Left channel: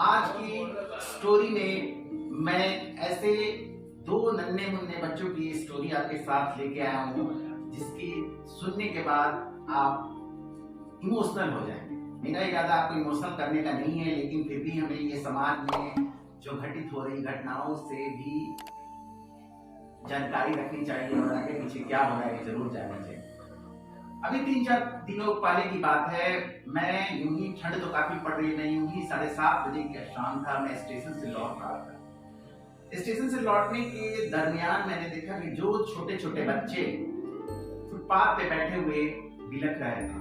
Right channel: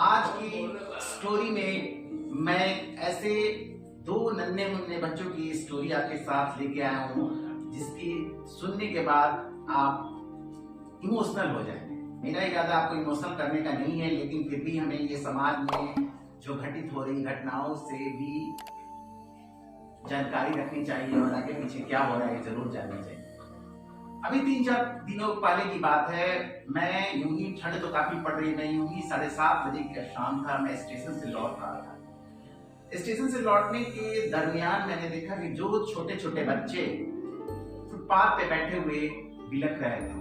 आज की स्टोरी में मैं ऐसे दो नन्हे मुन्ने बच्चों की स्टोरी आपके साथ लेके आया हूँ जिसकी सुनने के बाद आप इमोशनल हो जाएंगे। मेरा इरादा आपको इमोशनल करने का नहीं है, लेकिन फिर भी हमें ये समाज में जो घटित हो रही घटनाओं से भी जानकारी रखनी चाहिए और आगे पीछे क्या हो रहा है जरूर जानना चाहिए। अभी 3-4 दिनों पहले की बात है, मैं यूं ही, ठंड तो काफी पड़ रही है, मैं यूं ही 7:30 बजे का शाम था, मैं स्टेशन से लौट रहा था। स्टेशन से लौटने के दरमियान मैंने देखा कि जो छोटे छोटे बच्चे फुटपाथ पे बैठे हुए बिलख रहे थे।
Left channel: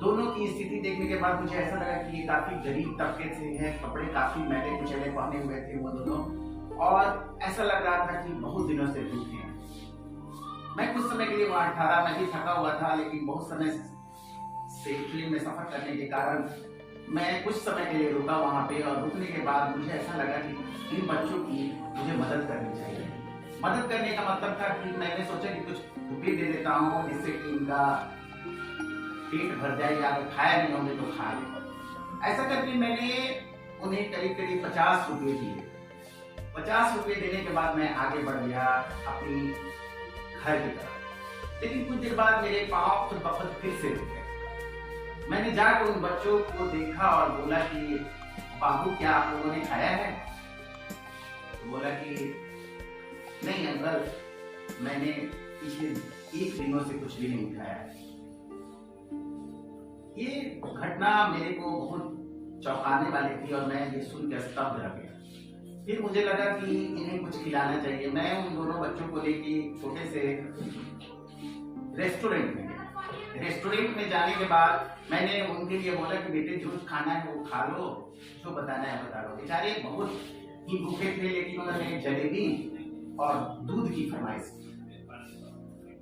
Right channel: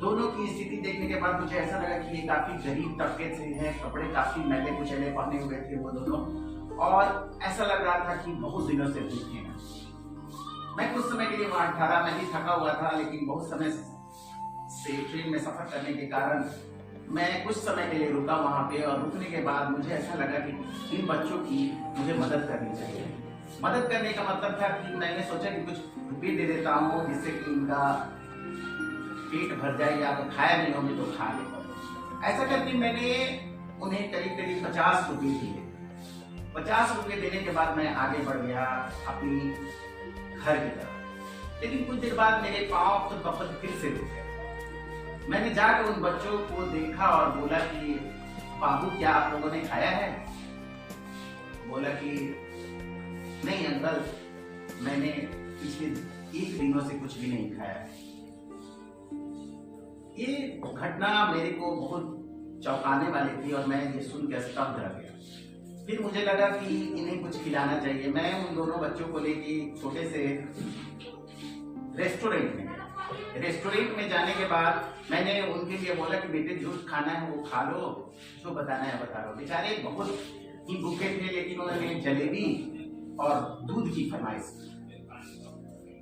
दोनों की स्थिति देखने के बाद मुझे ऐसा लगा कि ये काफी गरीब तबके से हैं, कपड़े काफी मैले कुचैले पहने हुए थे वो दोनों, और ऐसा लग रहा था कि बहुत दिनों से भूखे हैं। मैं कुछ समय के लिए वहां ठहरा, मैं भी थका हुआ था, लेकिन बहुत समय से ट्रेन में सफर करने के कारण मैं कुछ समय के लिए रुका वहां पे, और रुकने के बाद मुझे ऐसा लगा कि इन बच्चों की मुझे मदद करनी चाहिए। मदद करने का मतलब था कि मैंने सोचा कि कुछ रुपये दे देता हूँ जिससे कि इनका पेट भर जाए, या तो खाया नहीं होंगे तो खा ले। ऐसा करके मैंने उन्हें करीब करीब 50 रुपये दिए। 50 रुपये देने के बाद मैं आगे बढ़ गया अपनी घर की तरफ, लेकिन कुछ देर बाद मेरे पांव खुद ब खुद फिर से रुक गए। मैंने जाकर उन बच्चों को देखा और बोला कि बाबू, क्या आप लोगों ने खाया है? बोला कि नहीं अंकल, मैंने पिछले 1 दिनों से कुछ भी नहीं खाया है। ये घटना मेरे को बहुत चौंकाने वाली थी और मैं ये सुन के स्तब्ध रह गया। फिर मुझे लगा कि इन्हें कुछ खिलाना चाहिए। मैं उन दोनों बच्चों को लेके छोटे से रेस्टोरेंट में जाने के बाद मैंने उनके लिए बोला कि बेटे जो खाना है वो खा लो, जो बताना है बता लो। बेचारे बहुत ही भूखे थे, लेकिन उन्होंने जलेबी और दूध की फरमाइश।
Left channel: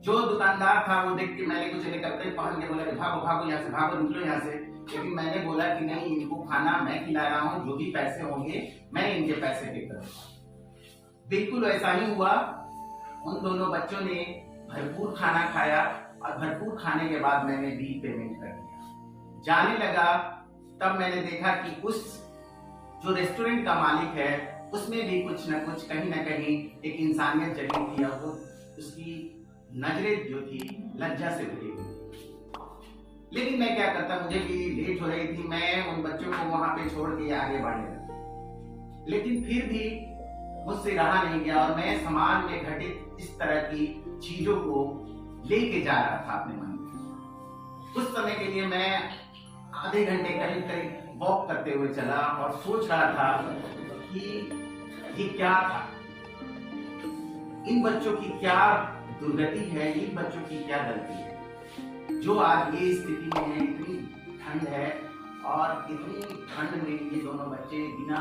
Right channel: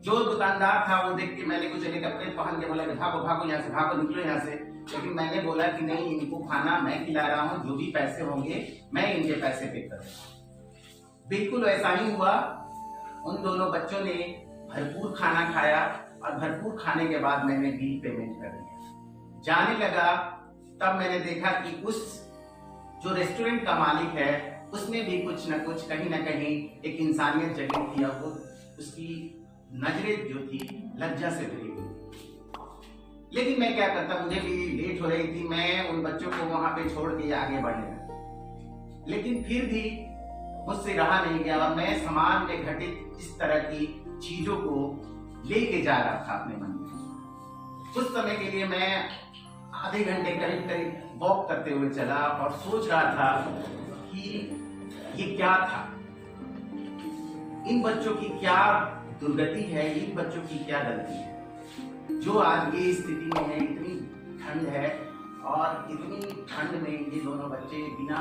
जो दुकानदार था वो देख के मैंने कुछ कपड़े पहन के बोला कि भागो भागो यहाँ से, भागो निकलो यहाँ से। लेकिन मैंने बोला कि नहीं, इनको खाना मैं खिला रहा हूँ, जो भी पैसे होंगे मैं इनके पैसे पे करूँगा। बिल्कुल ऐसा ही हुआ। उन दोनों बच्चों ने भरपूर खाना खाया और भरपूर खाने के बाद मैंने बिल पेमेंट कर दिया। जाने लगा तब मैंने देखा कि उस जो रेस्टोरेंट का मालिक है उसमें भी कुछ न कुछ कहीं ना कहीं एक इंसानियत जगी थी, और वो उसकी नजरें जो थी लज्जा से भरी हुई। लेकिन मैं क्या करता, मुझे भी लेट हो रही थी, मैं उन बच्चों को वहां पे छोड़ के आगे बढ़ गया। लेकिन फिर भी मुझसे रहा नहीं गया और मैं समाज में घटित इस तरह की चीजों को लेके जा रहा था अपने मन में। कुछ समय के लिए मैं आधे घंटे करीब करीब वॉक करते हुए चला और सोच रहा था कि ये क्या था, इन बच्चों की क्या दुर्गति है, इन बच्चों की क्या गलती है जो आज ये स्थिति में है। इतनी ठंड है और इतनी ठंड में ये दोनों बच्चे बिना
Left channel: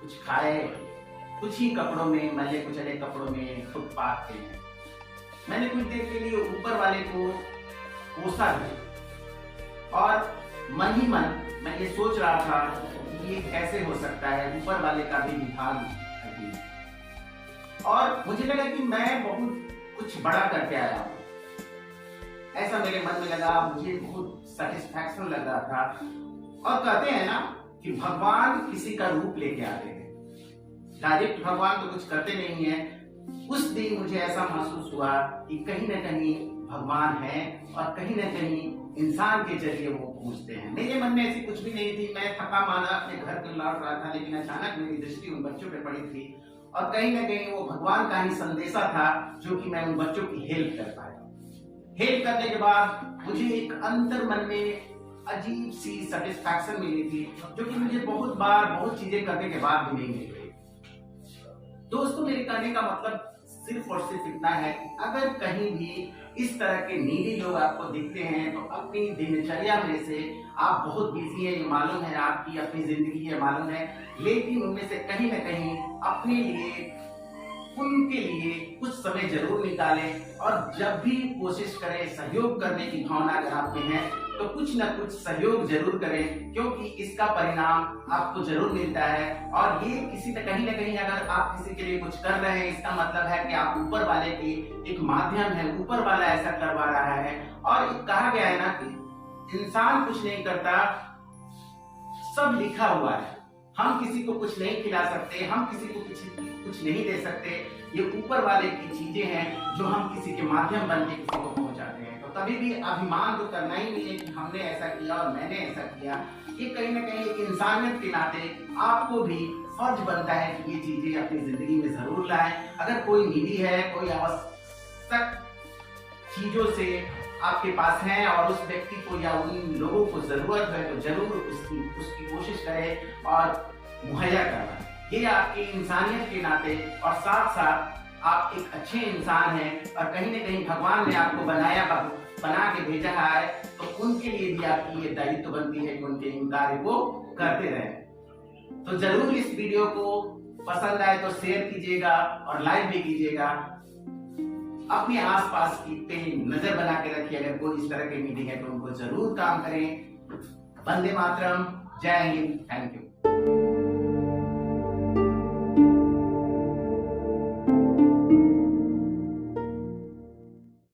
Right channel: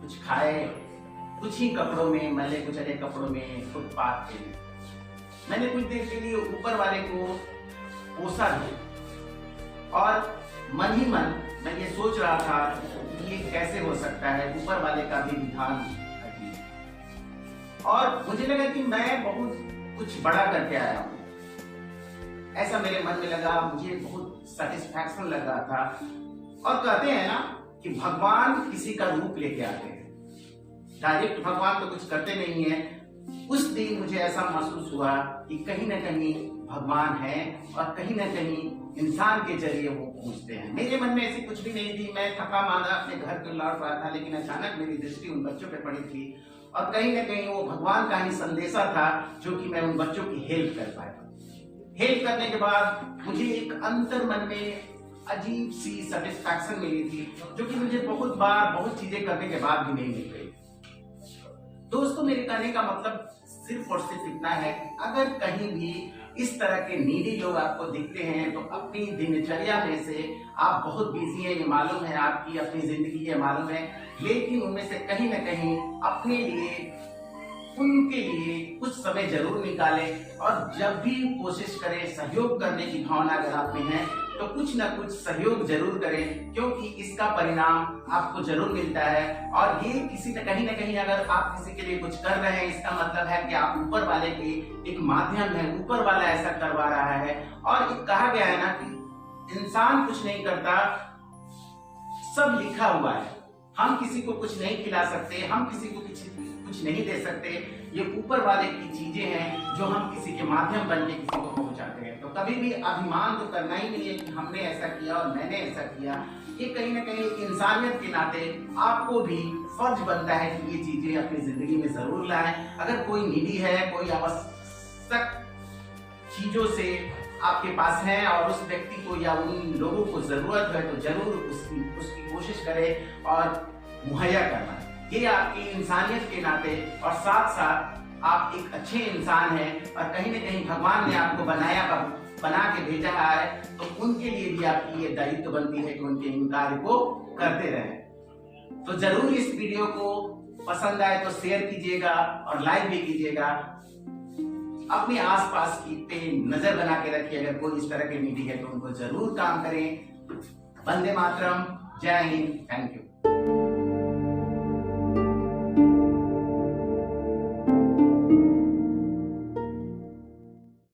कुछ खाए, कुछ ही कपड़ों में, मैले कुचले कपड़ों में फुटपाथ पे हैं। मैंने कुछ देर के लिए ऊपर वाले को कोसा भी, और मन ही मन मैं ये सोच रहा था कि ये कैसे हो सकता है, ऊपर वाले का भी विधान अजीब। और मुझे लगा कि मैं बहुत कुछ बड़ा करके आया हूँ, ऐसा मेरे मन में लगा। मुझे बहुत सेटिस्फैक्शन लग रहा था। और कहते हैं ना कि भगवान किसी का रूप लेके आते हैं, डायरेक्ट भगवान तो कुछ करते नहीं है। उस दिन मुझे ऐसा महसूस हुआ कि कहीं ना कहीं भगवान है और कहीं ना कहीं इंसान के जरिए वो पूछते हैं। मेरे मन में ऐसी कुछ भी नहीं थी, मैं थका माना अपने घर को लौट रहा था, लेकिन अचानक मेरी दृष्टि उन बच्चों पे पड़ी थी, और कहीं ना कहीं वो भगवान का ही संदेशा था जो कि मैं उन बच्चों की हेल्प कर पाया। हेल्प करने के बाद मुझे एक अंतर मन में अजीब सी सेटिस्फैक्शन मिली थी, जो कि मुझे बहुत बार बहुत चीजें करने के बाद भी नहीं मिल गई। दोस्तों, मेरे कहने का मतलब सिर्फ और सिर्फ इतना है कि अगर कहीं भी इस तरह के नीडी लोग आपको दिखते हैं तो अपनी दिनचर्या में से आप बहुत बिजी हैं, ये मालूम है, आपकी अपनी जिंदगी ये मालूम है, लेकिन उनमें से कहीं ना कहीं अपने लिए, उनके लिए कुछ समय जरूर निकालें, और जब भी कोशिश करें सहयोग करने की भावना अगर आप में है तो कुछ न कुछ सहयोग जरूर करें, क्योंकि इसका परिणाम आपको जरूर मिलता है। और ये किसी न कहीं अगर आप किसी के लिए कुछ कर रहे हैं, इसका मतलब है कि आप ऊपर वाले की एक माध्यम है, ऊपर वाला ऐसा करवा रहा है। और कहा गया है ना कि इंसान कुछ नहीं करता, सब लिखा हुआ है। हम किसी को कुछ नहीं खिला सकते, हम किसी को कुछ नहीं दे सकते। ये ऊपर वाले की चीजें हैं जो हम किसी के माध्यम बन के किसी को पहुंचाते हैं। तो कभी भी अभिमान तो करना ही नहीं है कि हमने ऐसा किया और मैंने ऐसा किया। ये कहीं ना कहीं एक इंसानियत के नाते आपको भी फर्ज बनता है कि ये चीजें अपनी जिंदगी में जरूर लाएं। अगर कोई नीडी है, कोई आवश्यक चीजों से आपके पास है और उस व्यक्ति को या उन लोगों को जरूरत है, तो जरूर उसकी कोशिश करें और मुहैया करना। ये आपकी इंसानियत के नाते और साथ साथ आप एक अच्छे इंसान हैं और कहीं ना कहीं भगवान ने आपको बना के भेजा है, तो उनके लिए भी आपकी ये दायित्व बनती है कि उनके इन कार्य को करते रहें। तो जरूर इस वीडियो को पसंद आए तो शेयर कीजिएगा और लाइक भी कीजिएगा। अपने आसपास की पे नजर बना के रखिए। अगर कोई इस तरह के नीडी है तो उनको जरूर काम करें। वंदे मातरम, जय हिंद, थैंक यू।